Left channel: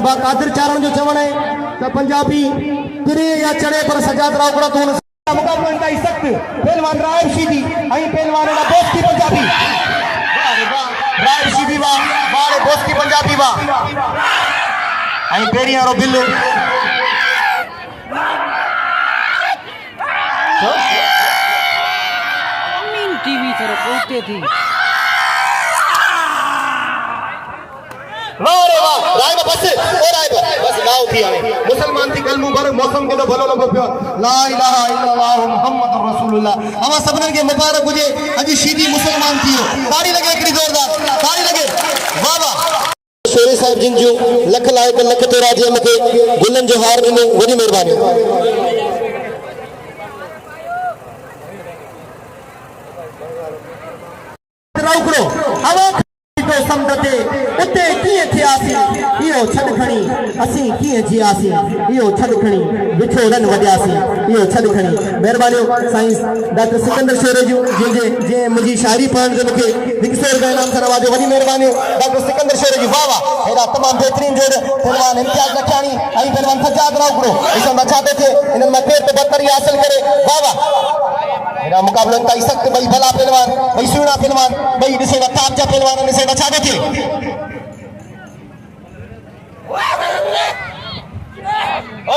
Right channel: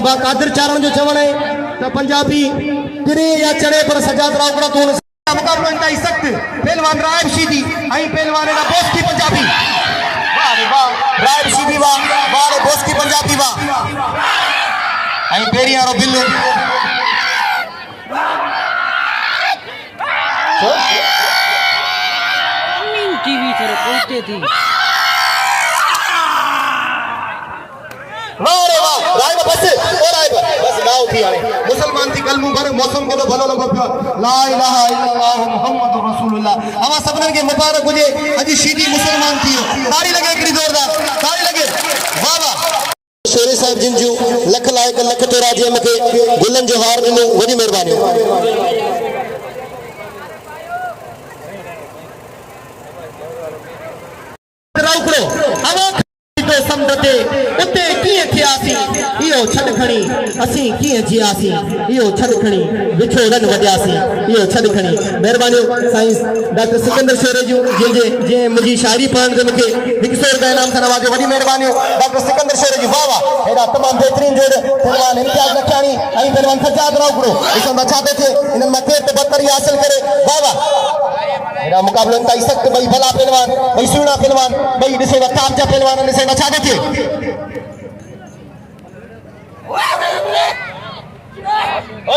कादिर चारण जो चवण है तो पंजाबी किरे या चढ़े पर सजाद रावकड़ा तो मुकाबलो इंतहाई सख्त पहलवान रायब शीदी आई पहलवान ना दोस्त की पंजाबी वाह रे वाह रायब शीदी वाह वाह दोस्त की पंजाबी वाह आई पेरिया रो बिल्लू अमीन टीवी थोड़ा पहुंचते थी ना उठी आए मुसलमान थी कल मुबारक मौसम के तो भलो लगो पियो ला इलाहा इल्लल्लाह मुहम्मदुर रसूलुल्लाह हवा सबने के मुबारक हुजे अजी शीदी मुसलमान थी ताड़ी लगे कड़ी जोरदार ताड़ी लगे वाह वाह शेरी साहब जिन जो लख लायक लख तेरा जे मथे गुलन जो हार ने वडी मेहरबानी राउकड़ो हवा तो समझते उते किए थियासी इहो छड खणी असी किए जियासी इहो छड खणी विछोड़न वजासी इहो छड खणी मेहरबानी साइंस डॉक्टर सिकंदर शेरे जो जे जे मुजी शायरी पढ़न से मुके 100 रुपया इनाम से नवाजे वडी मेहरबानी डॉक्टर सिकंदर शेरे जी वाह वाह एड़ा तमाम बेहतरीन जोड़ पहलवान इम्तियाज लखानी आई पहलवान सजाद रावकड़ो इसे बचाते थे इन में केत बतरी हासिल करे वाह वाह एड़ा मुकाबला इंतहाई सख्त भाई भला पहलवान भाई सुना पहलवान भाई दिसे वकाम जा पहलवान ने से बचा देते ओ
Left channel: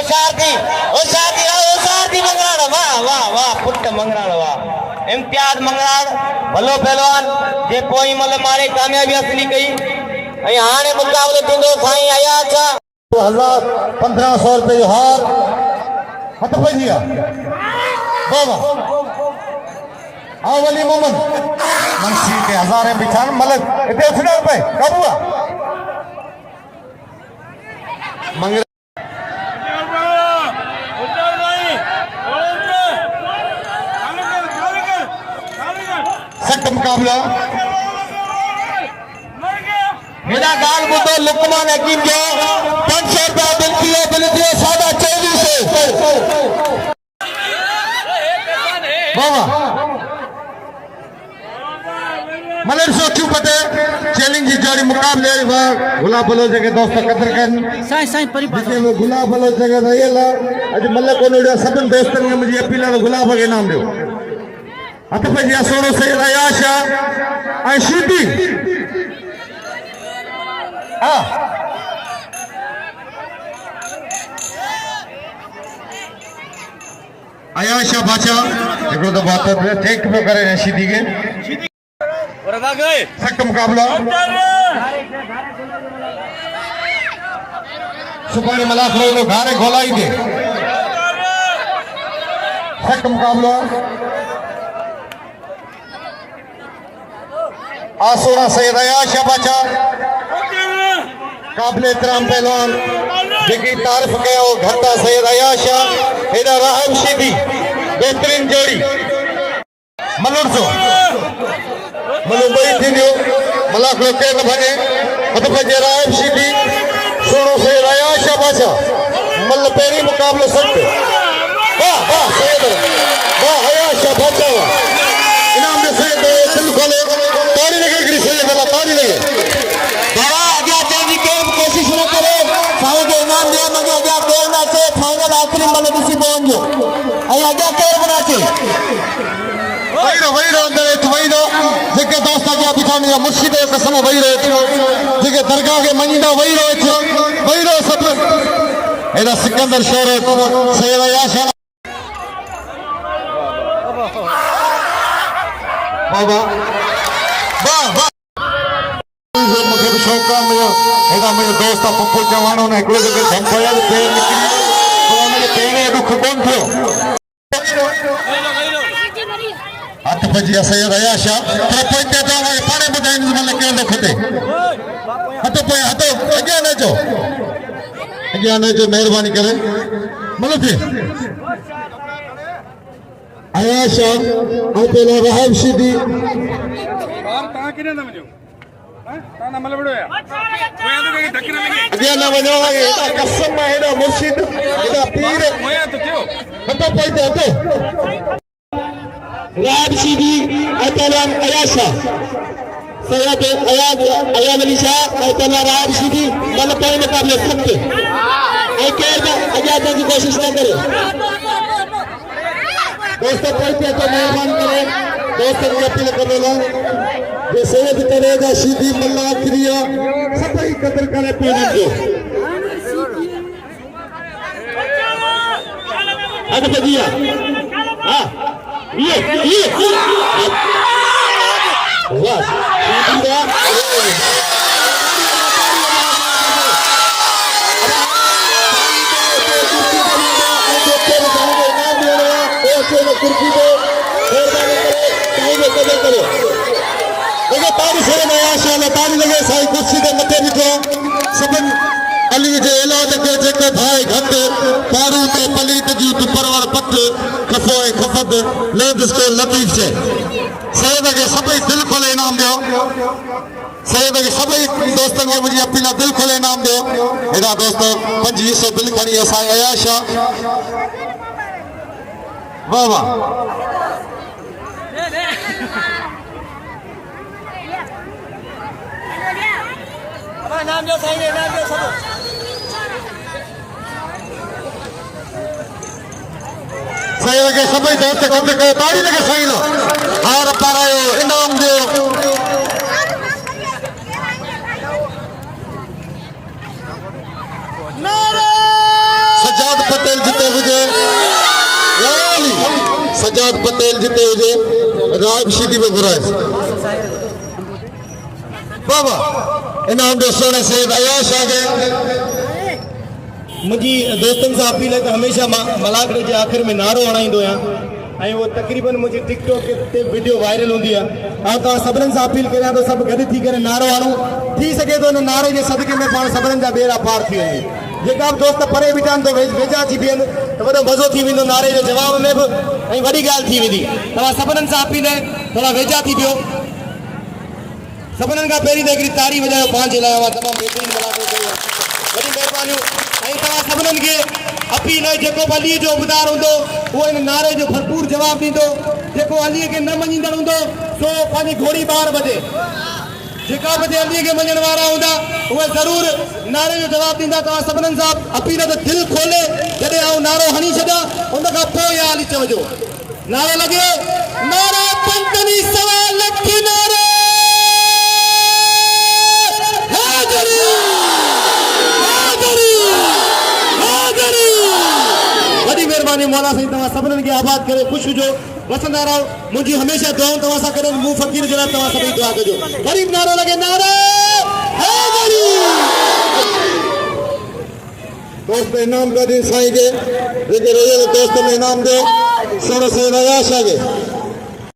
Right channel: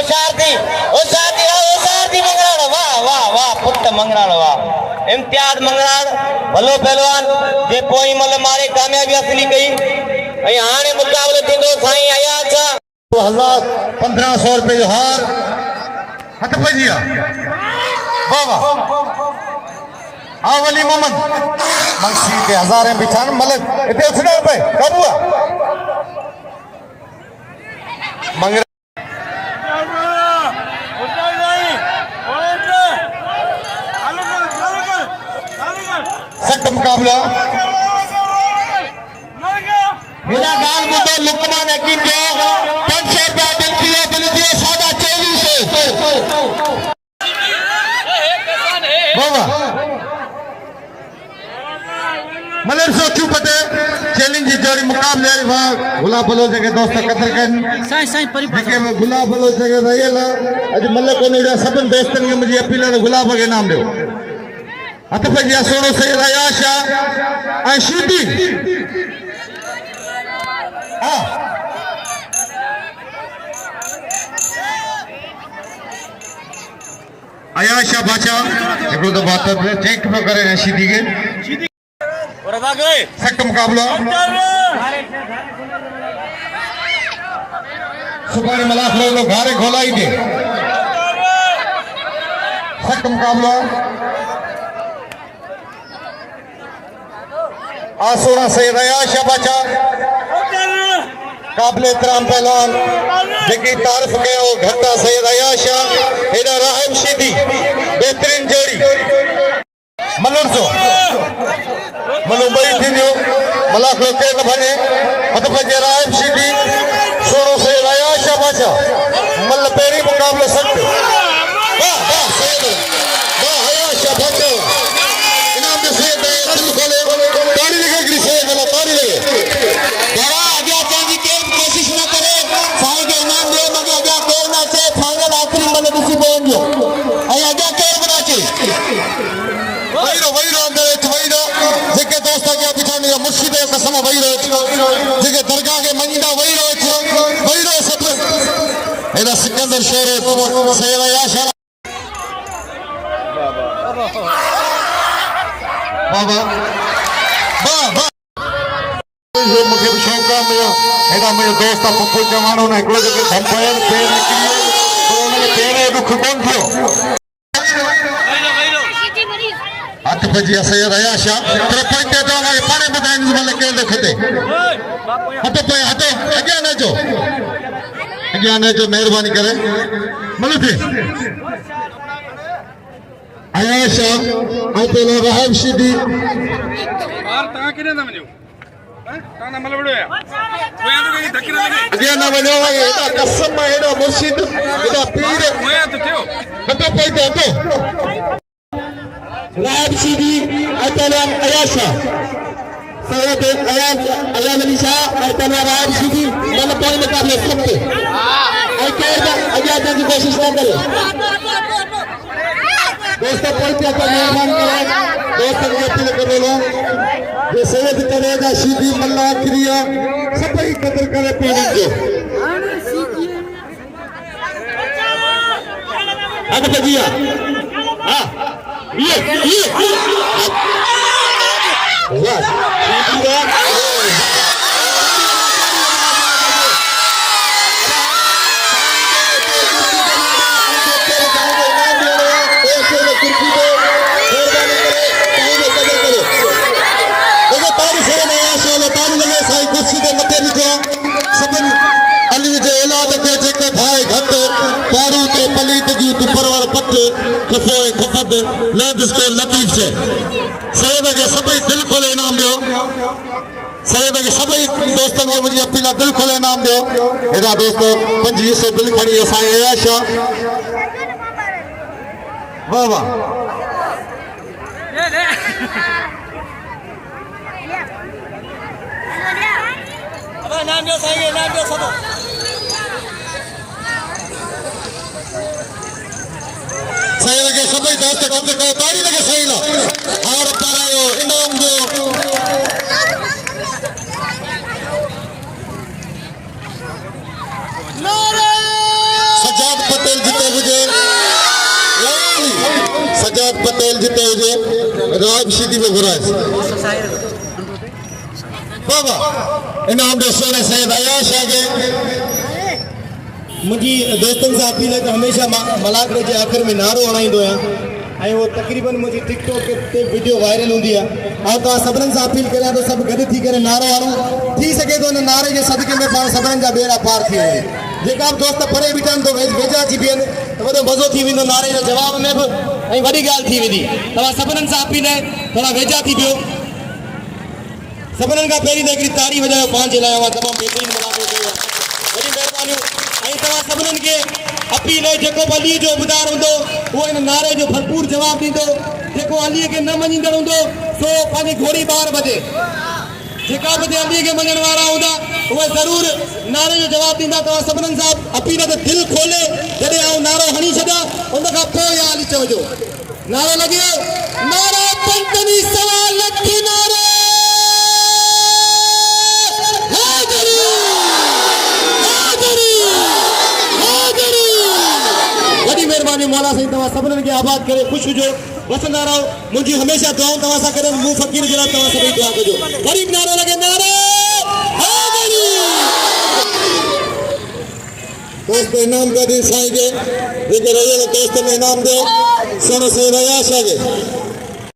शादी मंगराड़ वाह वाह वाह पुट मंगराड़ वाह इम्तियाज मंगराड़ भलो पहलवान जे कोई मतलब मारे कामयाबी हासिल कई ऐं हाणे मुकाबलो थींदो साईं अयाज 1500 रुपए जो हार हथ पइजी वाह वाह आवली मोहम्मद मंशी के हजारे बिछान मतलब इते छड़ो पे कबुआ मंगरा सख्त मुकाबला मेरा गाल बुदो लुकमान हकीम के 500 रुपया बिल दियो सादा 2400 बाबा मलर सो क्यों पते चैलेंज जारी मुकाबले वाह गुलाब बलो जगह दोस्त कदर कन साईं साईं परिवार के में गुलाब बलो जगह रहेला अज मल्ल कोने सबन दोस्तन के मुझे अपील है गुलाब के नाम दो अत पे या सोनो से आयाशा आई शीदी हां आयाशा बाचा एक तो बात चेक तो करे शीदी के और आ गए सख्त मुकाबला सुबह मलाख लोग घारे खोलाई दे सख्त मुकाबला आसोरा से रयाशा बचा काबिल एहतराम पहलवान जेकी तारीफ कयो घरता से रयाशा हेडा राहब शीदी बेहतरीन जोड़ी मलूर जो मलू बई थींदो मलाख लोग के भने हथ भजे राहब शीदी सोनो से रयाशा बचा मल पेरी मुकाबलो सख्त वाह वाह सैयद वाह रयाशा बचा इनाम दे सैयद दिल खोले तारी लगे गिरी सैयद वाला तारी लगे बाबा आगे चेंज के कोशिश न करे साहब के इनाम दियो मगे आगे देर ना से फाइनल आखिरी मल दिसी पहुंचो आई आगे के बना चे वही अंदर वही जेके दोस्त के बिछाने का मुर्शिद के समय वही रहे जेके दरगाह के मनीदा वही रहे सब एना सिकंदर शेर सैयद याशा बाबा वाह वाह ये मुझे शौक है एदा मेरे दोस्त पप्पू जवानों ने एकले जगह धनपाया पेड़ निकली तो मेरे पेड़ अभी खुदम थियो हाथ बजिया सैयद अयाशा तेरा पॉइंट तो हमारे पाने बताएंगे मतलब के लोग खते हटे पे हटे अज्ञान है जो मेहरबानी करे मतलब अयाशा और पहले राहब शीदी बाहर ता किने ना मजो ता ना मल बड़ो या कोया तो कहीं धक्के लगे अज्ञान ना मजो एटा कसम है एटा मुर्शिद एटा पीर कोया तो थियो हटे पॉइंट हटे राहब शीदी और पहले अयाशा सैयद अयान अली शाह और तनवार राहब सीधी मतलब कोई मुकाबले सकते आई केयर आजाद की कोशिश ना करे दोस्तों कोई पे मेहरबान करे दोस्तों की अपील कर लो जो सैयद करेगा सीधी मल्ला क्रिया सब ही कदर करे पीने जो अब बजिया हाँ ये वाह कुर्सी के मथे ॾिठो सभिनी अली जे औलाद खे जेके भाई घट पारू तो पलीत जी तू परवर पट खफो खफद ले जिसको लतीफ से सैयद के सभई दिल खोले इनाम दियो सैयद के सभई दोस्तन के मुझे अपना दिल खोले इनाम दियो एदा दोस्तों 2500 दिल खड़ी असाई अयाशा वाह वाह नाम दियो सही नाम दियो सब सही लगे सभी दोस्त कम के ताड़ी लगे सही लो हार पारायो इनाम दियो सजाद पटेल जीते हुए सजाद पटेल जीते हुए राब सीधी में घुराए बाबा इनाम दोस्तों ने सैयद अयाश आ गए मुझी दोस्तन से अपील है कि हमेशा मलाकड़े के आखिर में नारो हणाइंदो आहियां वो तकरीबन मुझे टिकटॉक ते वीडियो वायरल होंदी है और तो सभिनी से अपील करियां तो सब गॾु थी करे नारो हणो थी सके तो नारे के सदके में पाण सभिनी जा बेड़ा पार थी वञे जेका दोस्त परे बीठा आहिनि तो वेझा थी बीहनि तो वॾो मज़ो थी वेंदो नारे जे जवाब में बि ऐं वॾी ॻाल्हि थी वेंदी तव्हां सभिनी से अपील है थोड़ा वेझा थी बिहो सभिनी खां पहिरीं त हिकिड़ी ताड़ी वॼायो पंहिंजे लाइ उहा तमामु बहितरीनु मुलाक़ात कयो वॾी महिरबानियूं ऐं तव्हां सभिनीनि खे अपील है जेको अलीअ जो उबदार हूंदो उहो हिन नारे जो भरपूर जवाबु ॾींदो जेको अलीअ खे न मञींदड़ हूंदो सो पंहिंजी घोड़ी ॿार बजे जेका बि अलीअ खे मञण वारा हूंदा उहे ज़रूरु नारे जो जवाबु ॾींदा तव्हां सभिनीनि सां अपील ते दिलि खोले जॾहिं आउं नारो हणी छॾियां उन खां पोइ इहा हली चवजो नारो लॻे नारा पंजनी सवा लख नारे वॾी महिरबानी मौला साईं तव्हां सभिनीनि खे आबाद करे ख़ुशि हुजो वसंदा रहो मुंहिंजी हमेशह दुआऊं तव्हां सां कॾहिं मूं फ़क़ीर जे लाइ तव्हां सभई दुआ कजो ग़रीब नारो लॻे नारो दोस्त इनाम का दिन साईं के जेके रोयल दोस्त में इनाम दे सोने से नया शागे